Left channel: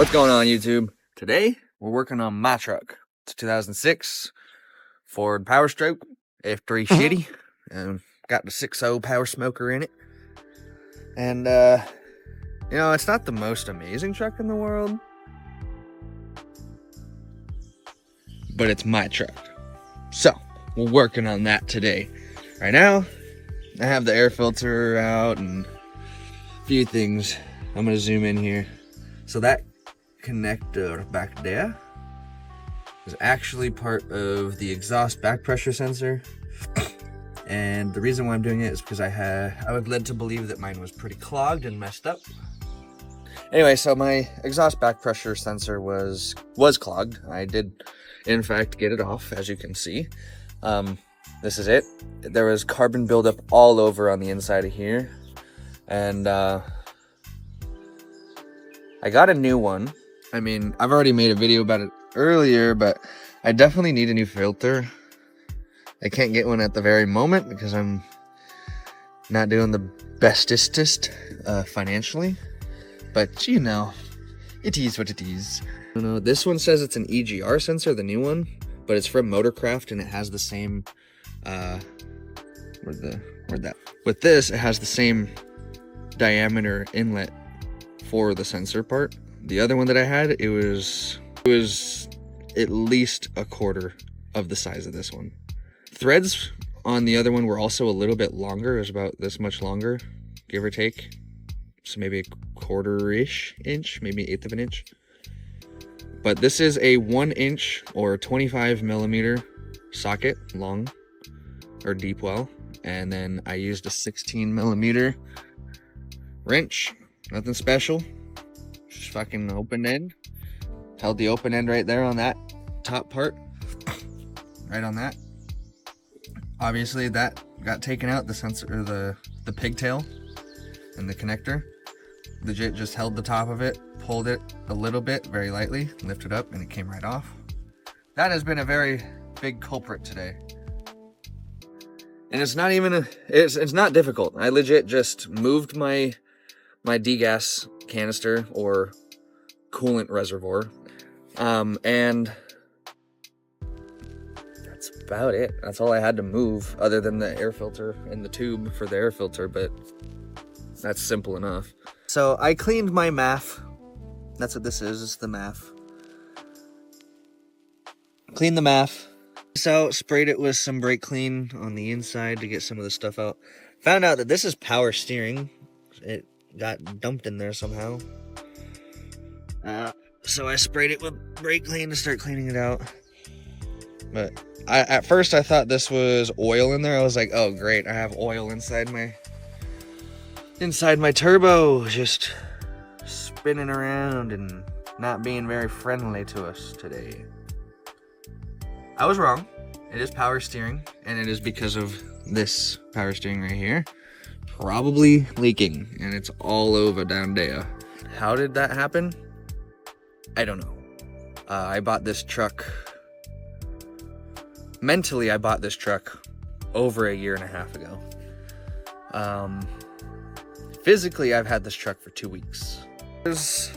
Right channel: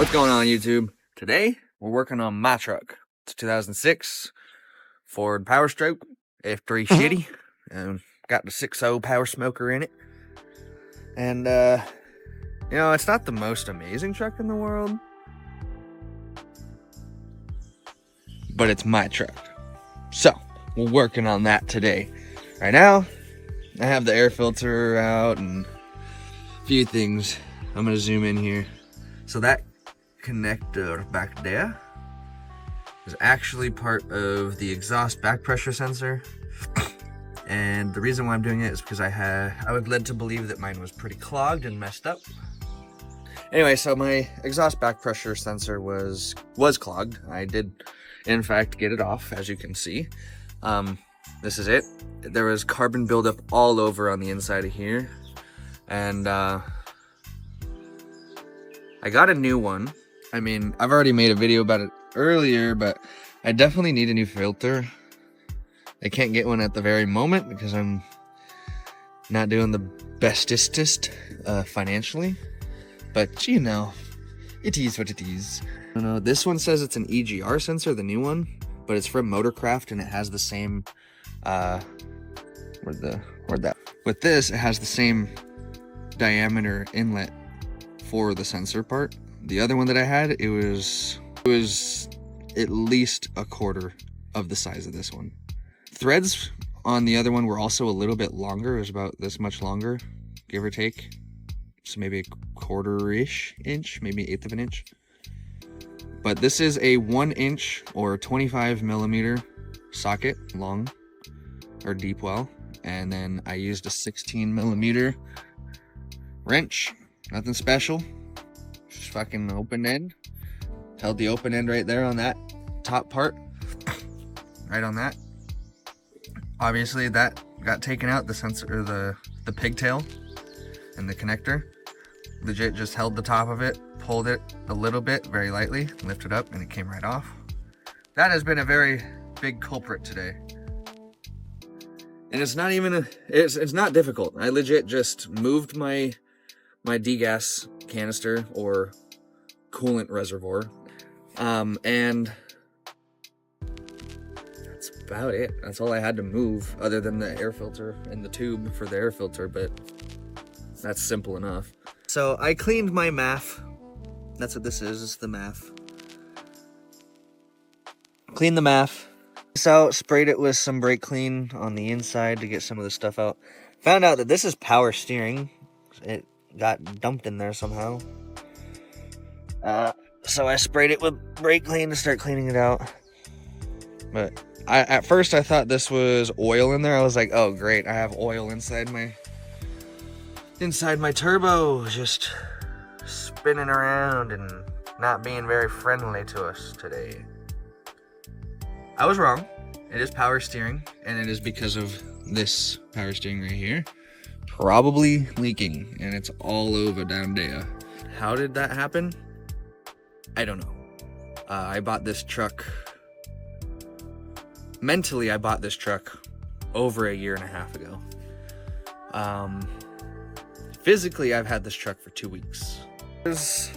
What's going on, YouTube? Today we're working on my truck. It's a 2006 Ford Power Stroke F3 shitty. Got the 6.0 power smoker in it. And you know, it's not the most amazing truck in the world, but it's my truck. So we're working on that today. Right now I have the air filter out and a few things. I'm gonna zoom in here. So that connector back there is actually part of the exhaust back pressure sensor, and the reason why I'm doing it is because I was led to believe that mine was pretty clogged and messed up. Anyway, so my exhaust back pressure sensor was clogged. I did in fact get it off, as you can see. This is it. There was carbon buildup all over on the inside of here, and I got a new one. I mean, I've already made a video about it earlier, but I definitely need a new filter. I can't get one at the very moment because I'm not doing the bestest financially, but you know, it is what it is. I don't know, this one says it's an EGR sensor, the new one, but it's from Motorcraft and it has the same, with this, it has the same diameter inlet for the sensor part. The other one that I had, it was at least a quarter of the size of this one. Threads on the other one were also a little bit longer. It was about this much longer, give or take. So maybe a quarter-ish inch, maybe 1/8 of an inch. But this is a 1 inch or 25 millimeter socket, long or deep well. And then I used a 16 millimeter wrench, nothing special. Just fucking open end. Held the open end right there on that top part. Right on that. Obviously that got taken out, the sensor, or the pigtail and the connector. Legit just held the top of it, pulled it a little bit, very lightly, lifted up, and it came right off. That has been a very big culprit today. And it's not even it's not difficult. I legit just moved my degas canister or coolant reservoir, and that's about it. That's all I had to move, other than the air filter and the tube for the air filter, but that's simple enough. So I cleaned my MAF. That's what this is the MAF. Cleaned the MAF out, sprayed it with some brake clean on the inside to get some of the stuff out. Found out that this is power steering. It got dumped in there somehow. So I sprayed it with brake clean to start cleaning it out. But at first I thought this was oil in there. I was like, oh great, I have oil inside my turbo, just spinning around and not being very friendly to us today. I was wrong. It is power steering, and it is because of this power steering right here. Probably leaking, and it's all over down there. How did that happen? I don't know. I bought this truck, mentally I bought this truck over 1.5 years ago. Physically I've had this truck for 2 weeks. There's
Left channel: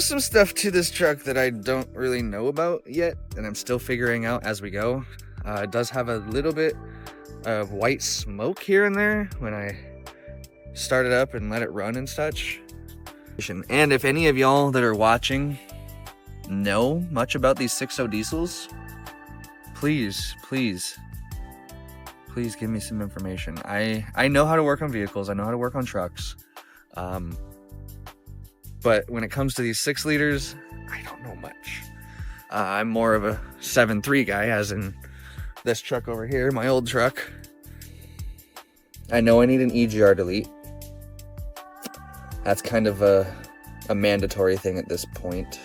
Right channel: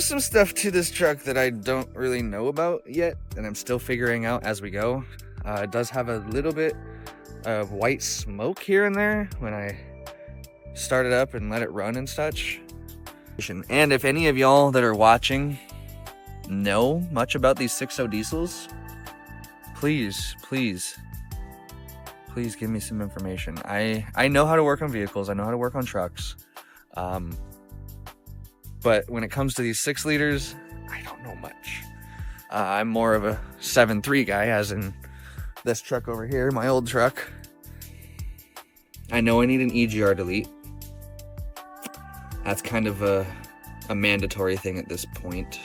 some stuff to this truck that I don't really know about yet, and I'm still figuring out as we go. It does have a little bit of white smoke here and there when I start it up and let it run and such. And if any of y'all that are watching know much about these 6.0 diesels, please give me some information. I know how to work on vehicles, I know how to work on trucks, but when it comes to these 6 liters, I don't know much. I'm more of a 7.3 guy, as in this truck over here, my old truck. I know I need an EGR delete. That's kind of a mandatory thing at this point,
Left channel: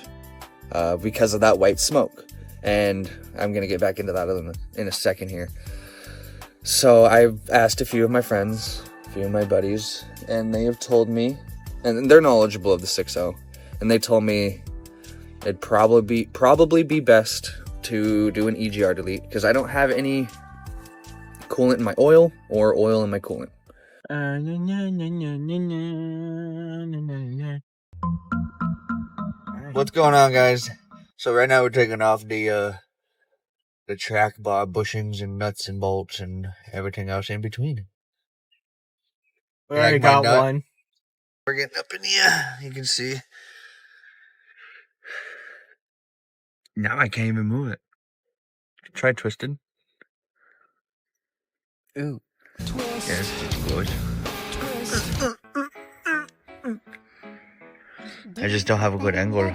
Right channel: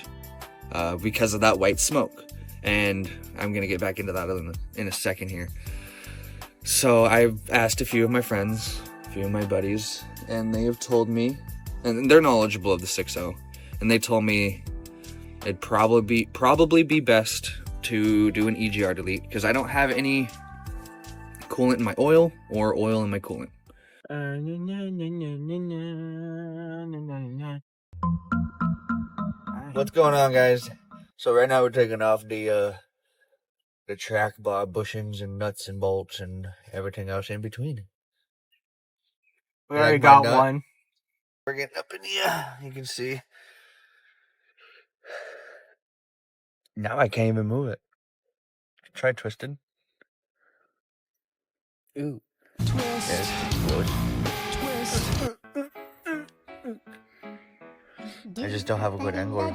because of that white smoke. And I'm gonna get back into that in a second here. So I've asked a few of my friends, a few of my buddies, and they have told me, and they're knowledgeable of the 6.0, and they told me it'd probably be best to do an EGR delete, because I don't have any coolant in my oil or oil in my coolant. What's going on, guys? So right now we're taking off the track bar bushings and nuts and bolts and everything else in between. We already got one. We're getting up in here. You can see. Now I can't even move it. Try twisting. Ooh. Twist. Yeah, it's explode. Twist. I just don't have a good angle. I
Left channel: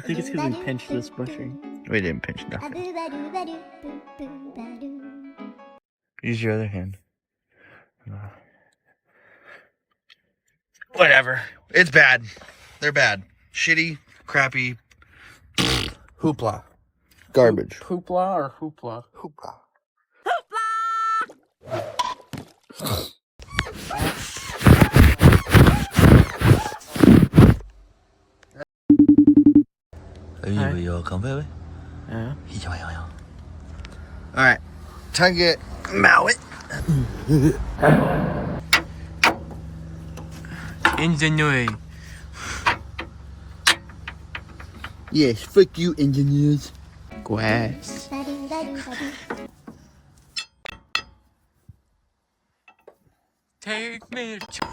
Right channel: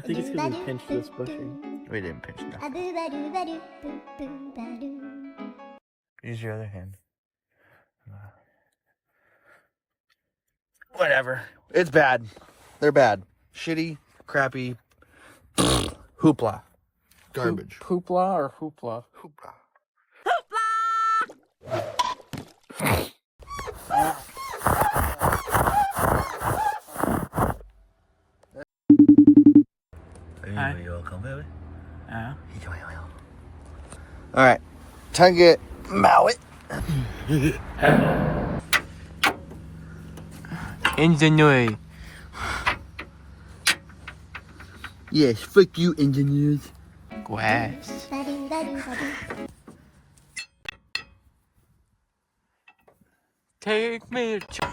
think it's because we pinched this bushing. We didn't pinch nothing. Use your other hand. Whatever. It's bad. They're bad. Shitty, crappy, hoopla. Garbage. Hoopla or hoopla? Hoopla. Alright. Time to get mallet. Engineering. Yes, fuck you, engineers. Grass. Take me to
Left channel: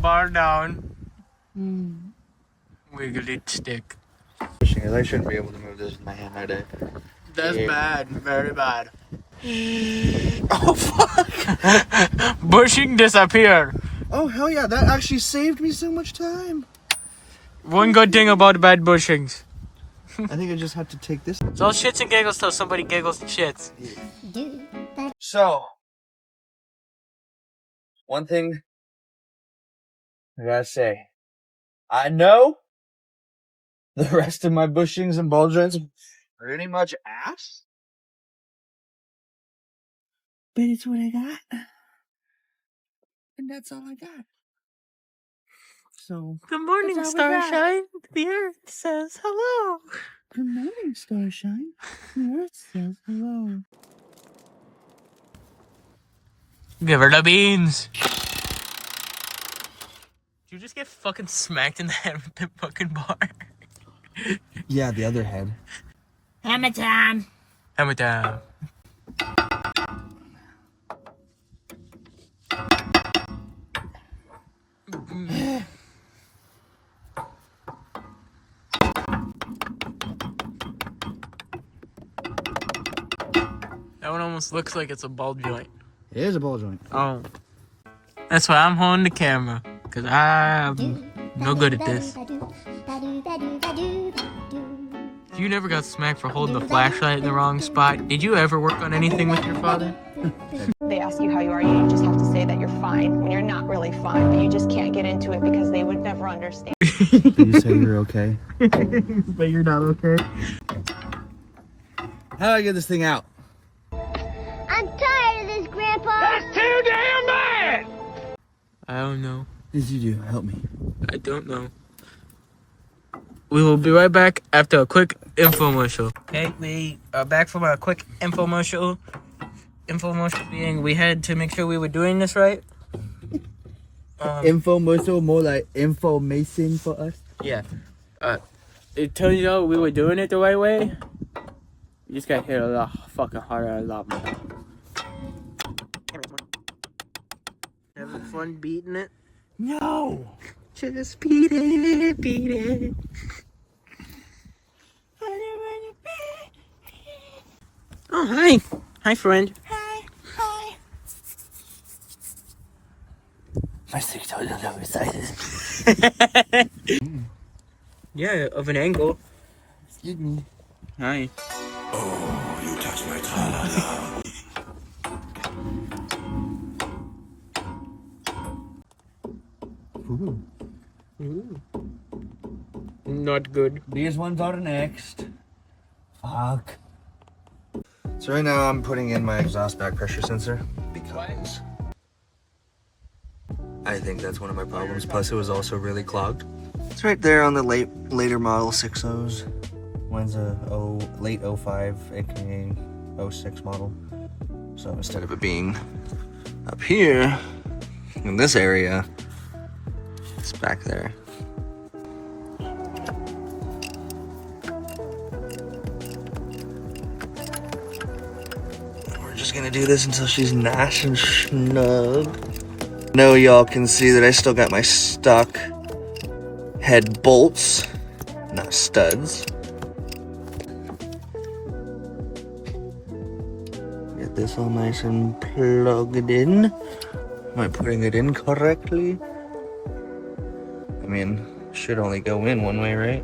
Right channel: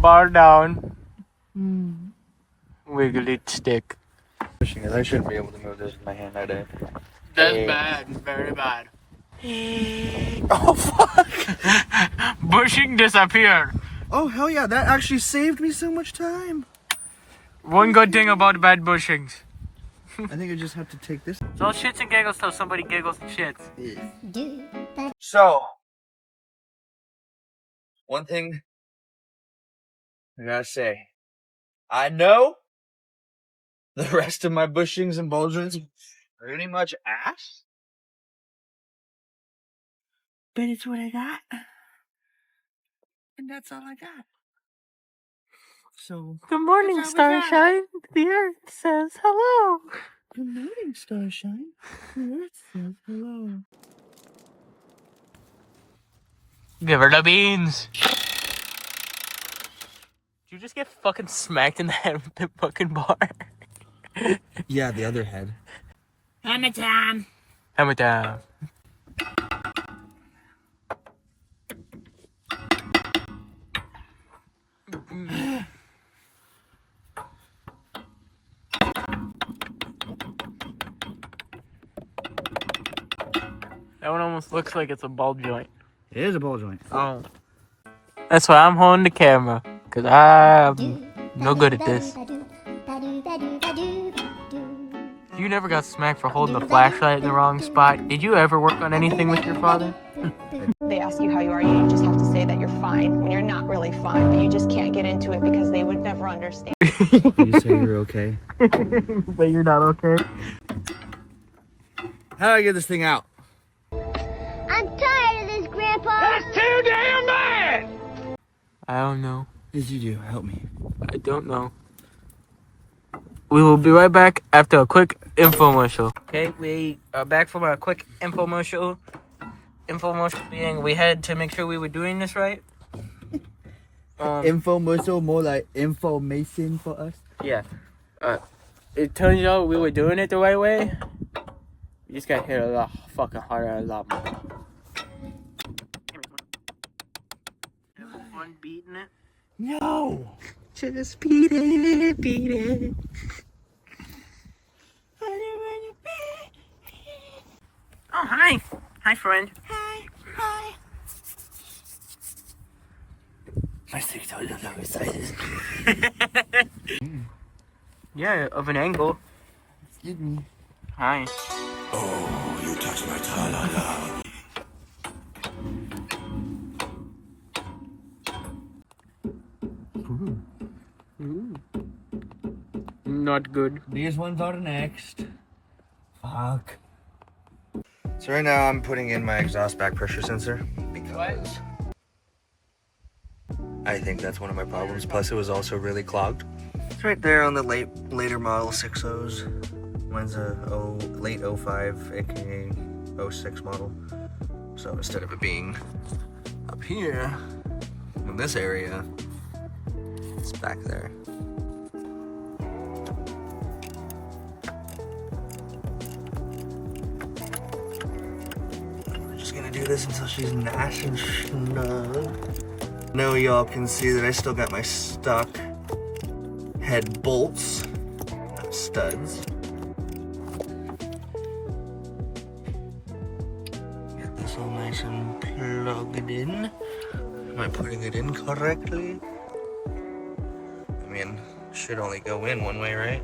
bar down. Wiggly stick. I shouldn't be able to move this in my hand that day. That's bad. Very bad. Oh, fuck. Bushing disappeared. Oh, hell yeah. That actually saved me so much time. One good thing about bad bushings. I think I just have to take this. It's all shits and giggles till somebody giggles and shits. So, one thing I gotta say. I know the rest of my bushings and ball joints are pretty much ass. But it's what I got. And that's all I got. So, good morning, Starshine. The Earth says hello. Good morning, Starshine. The Earth says hello. Give her the beans. Did you just get fucking smacked in the head with the fucking bar? Yeah, the other head. Hammer time. Hammer time. That one almost looks like it's a ball joint. It is a ball joint. Oh. That's why I'm holding the camera. Because I'm no good at this. You never got smacked for holding the flashlight in the wrong spot. Did you ever work on anything with your father? They ask you how you are, you just have to say that you're fine when you're not really fine, but you just can't get into it because they would never understand. You say you're okay. But you're not okay. How do I get this thing out? I'm tired of this, Grandpa. That's too damn bad! I don't know. What did you do? Help me. I don't know. We will be right back after a quick infomercial. Okay, we are back from a quick infomercial. Infomercial being we had to make sure we were doing this right. Infomercial, more like information for us. Yeah. It turns out we were doing it the right way. We just got hit a lot fucking harder, a lot more. Having fun beating it? No! Just beat it, beat it. Oh, hi. Hi, friend. Hi. My 6 toes are so excited. Yeah, of an angle. Excuse me. Hi. Oh, you touch my tra-la-la. Ooh. Not good. These ones are next. Fuck. So right now I'm putting in my exhaust back pressure sensor because I think that's one of my problems. Plus it was also really clogged. It's right there on the later model 6.0s. Mine's a late 05, aka 06 model. So instead of it being up here in this area, it's back there. We're just gonna do this until she's nice and snug. I know y'all can see that I still got my stock head bolts, not studs. Get this all nice and plugged in. Am I putting it in correctly? I mean, should only go in one way, right?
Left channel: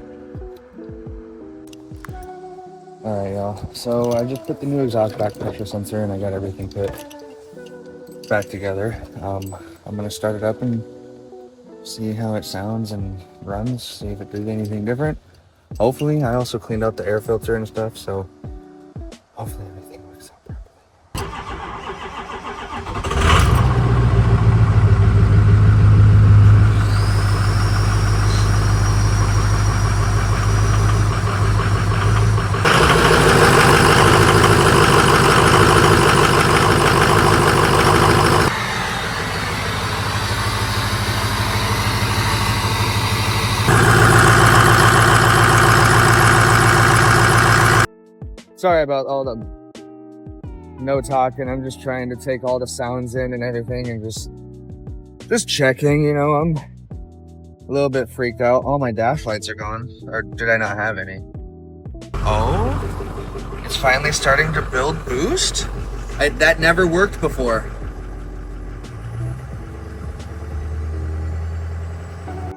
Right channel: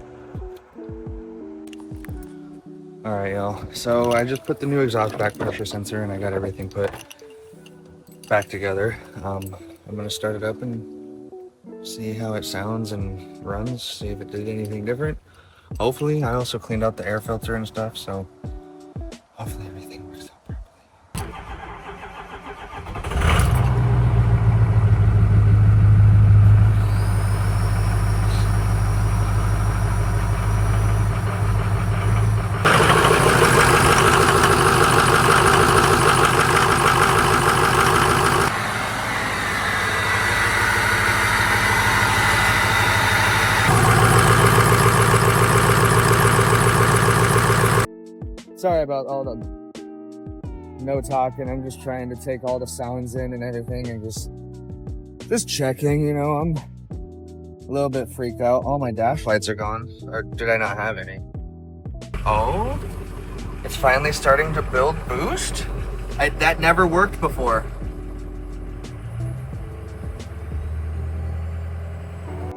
All right, y'all. So I just put the new exhaust back pressure sensor and I got everything put back together. I'm gonna start it up and see how it sounds and runs, see if it did anything different. Hopefully, I also cleaned out the air filter and stuff, so hopefully everything works out properly. Sorry about all the no talking. I'm just trying to take all the sounds in and everything and just checking, you know. I'm a little bit freaked out. All my dash lights are gone. Or did I not have any? Oh, it's finally starting to build boost? That never worked before.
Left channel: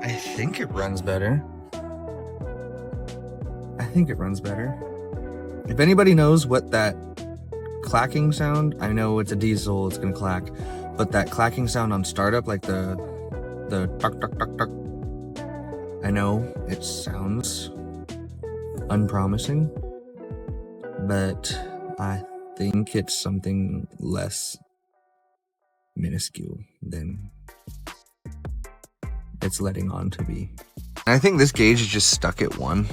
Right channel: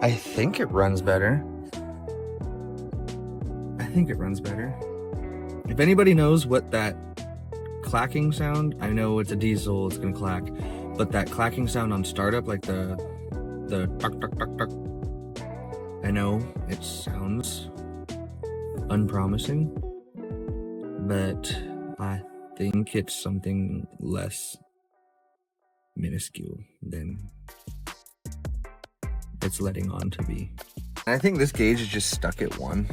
I think it runs better. If anybody knows what that clacking sound, I know it's a diesel, it's gonna clack, but that clacking sound on startup, like the tuck tuck tuck tuck, I know it sounds unpromising, but I think it's something less minuscule than it's letting on to be. I think this gauge is just stuck at 1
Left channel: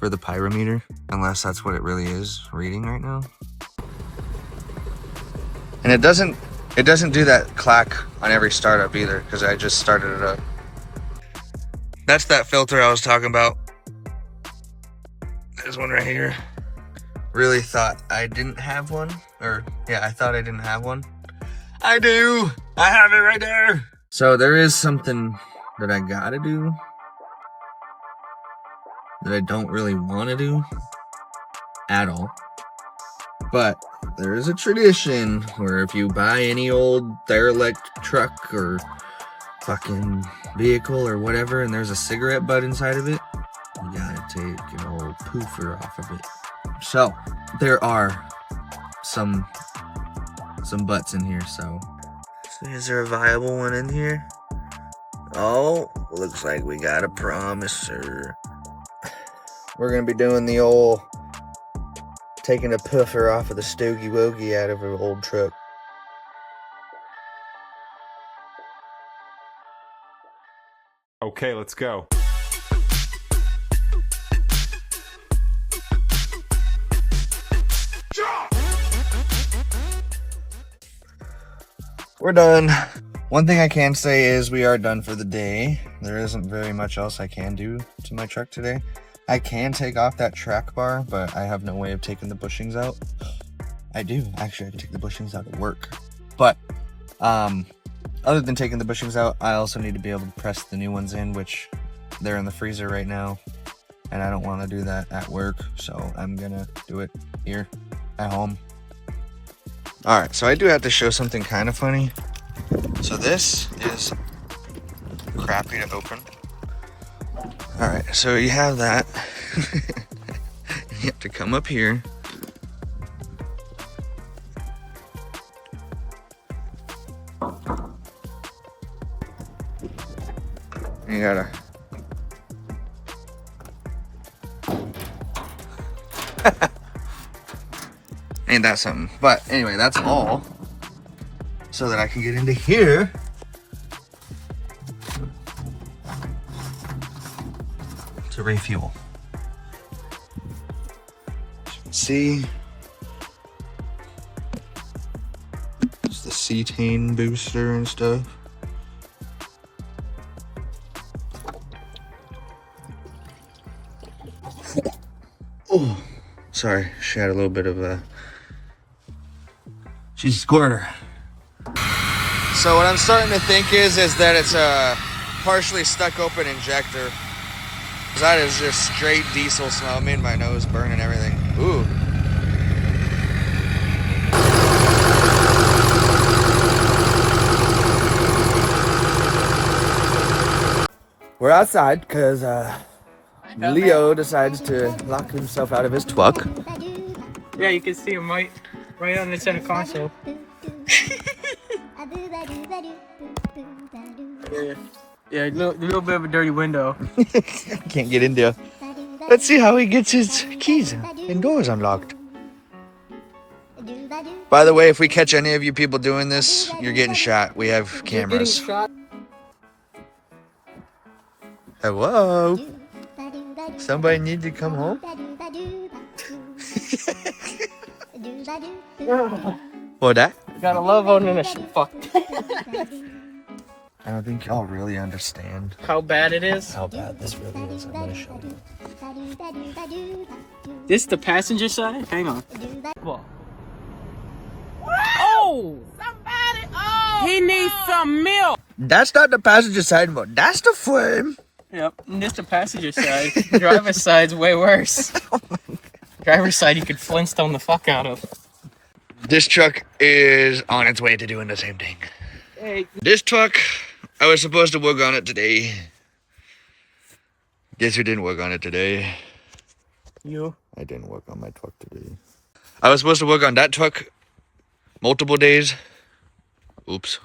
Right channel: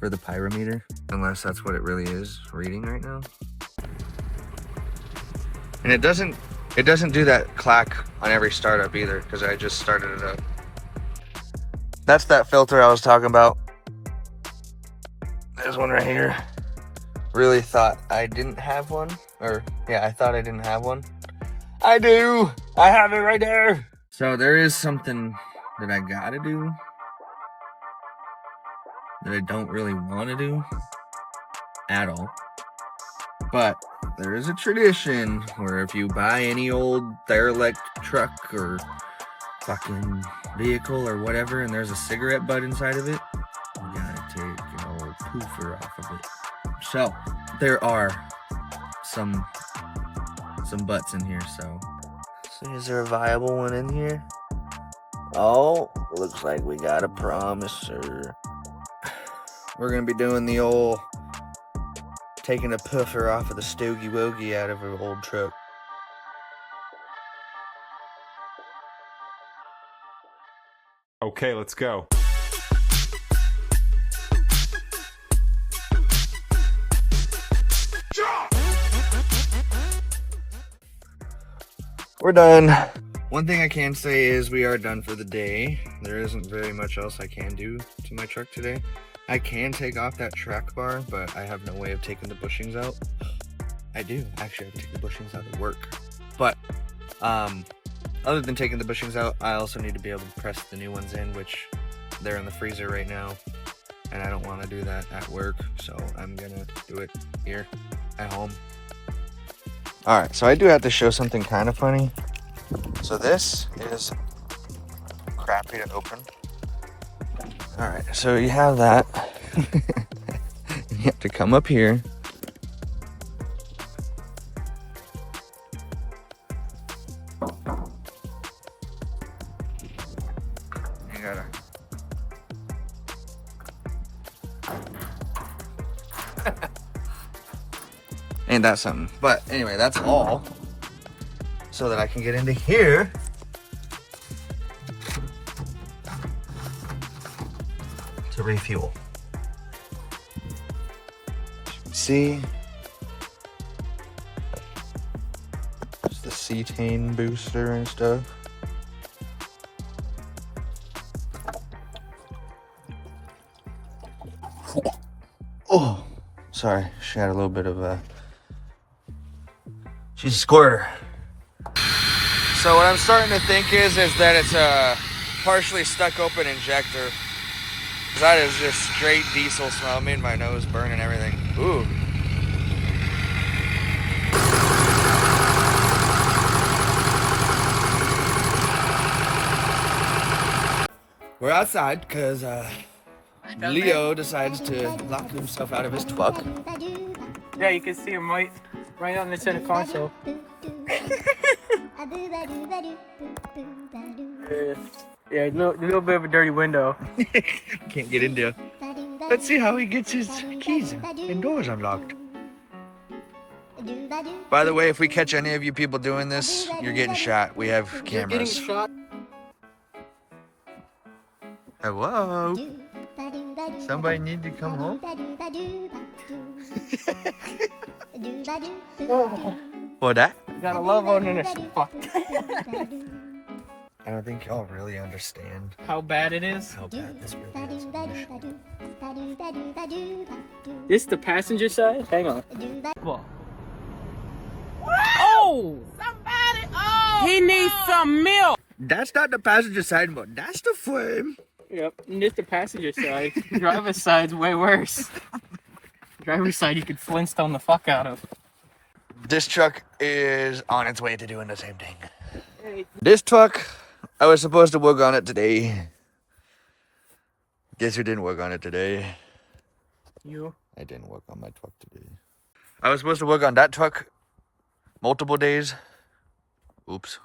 for the pyrometer, unless that's what it really is reading right now. And it doesn't do that clack on every startup either, because I just started it up. That's that filter I was talking about. There's one right here. Really thought I didn't have one, or yeah, I thought I didn't have one. I do. I have it right there. So there is something that I gotta do that I don't really want to do at all. But there is a tradition where if you buy any old derelict truck or fucking vehicle or whatever and there's a cigarette butt inside of it, you gotta take an old poofer off of it. So there are some butts in here, so is there a viable one in here? Oh, looks like we got a promiser. We're gonna be doing the old taking a puffer off of the stogie wogie out of an old truck. Okay, let's go. We're done. One thing I can say is we are done for the day. There isn't very much else I can do to my truck today. I can take off that track bar, but I have no way of taking the bushings out. I do. Actually, I can take the bushings out at work. But other than taking the bushings out, I also need to be able to press the new ones in, which they're in the freezer right now. And I don't want to do that at work, so I'm going to do it here at home. All right, so I do have to show something kind of funny. So this is crappy to open. All right, so you have that. You have to come up here. You gotta. Ain't that something? But anyway, that's all. So that I can get into here. To refuel. See, the cetane booster and stuff. Oh, sorry, she had a little bit of a... She's a squirter. So what I'm starting to think is that it's a partially stuck open injector. That is just straight diesel smell. It made my nose burn and everything. Ooh. We're outside because Leo decides to lock himself out of his truck. Yeah, you can see him right on the center console. Yeah, a little bit of a dirty window. Can't get in there. Let's see how he gets his keys and doors unlocked. By the way, if we catch any of you people doing this, you're getting shot. We have cameras. Hello? Somebody need to come home? What that? Got a love on in a fuck. I don't think y'all really understand How bad it is. how bad this really is. I'm gonna show you. This the passenger side? Hang on. What? Oh! Somebody! Oh! He needs some milk! That's not the passenger side mode. That's the frame. Yep, and this the passenger side. Driver's side's way worse. Driver's side you could Flintstone the fuck out of. This truck is on its way to doing the same thing. Hey. This truck, I was supposed to work on it today. Guess who didn't work on it today? You? I didn't work on my truck today. I was supposed to work on that truck multiple days. Oops.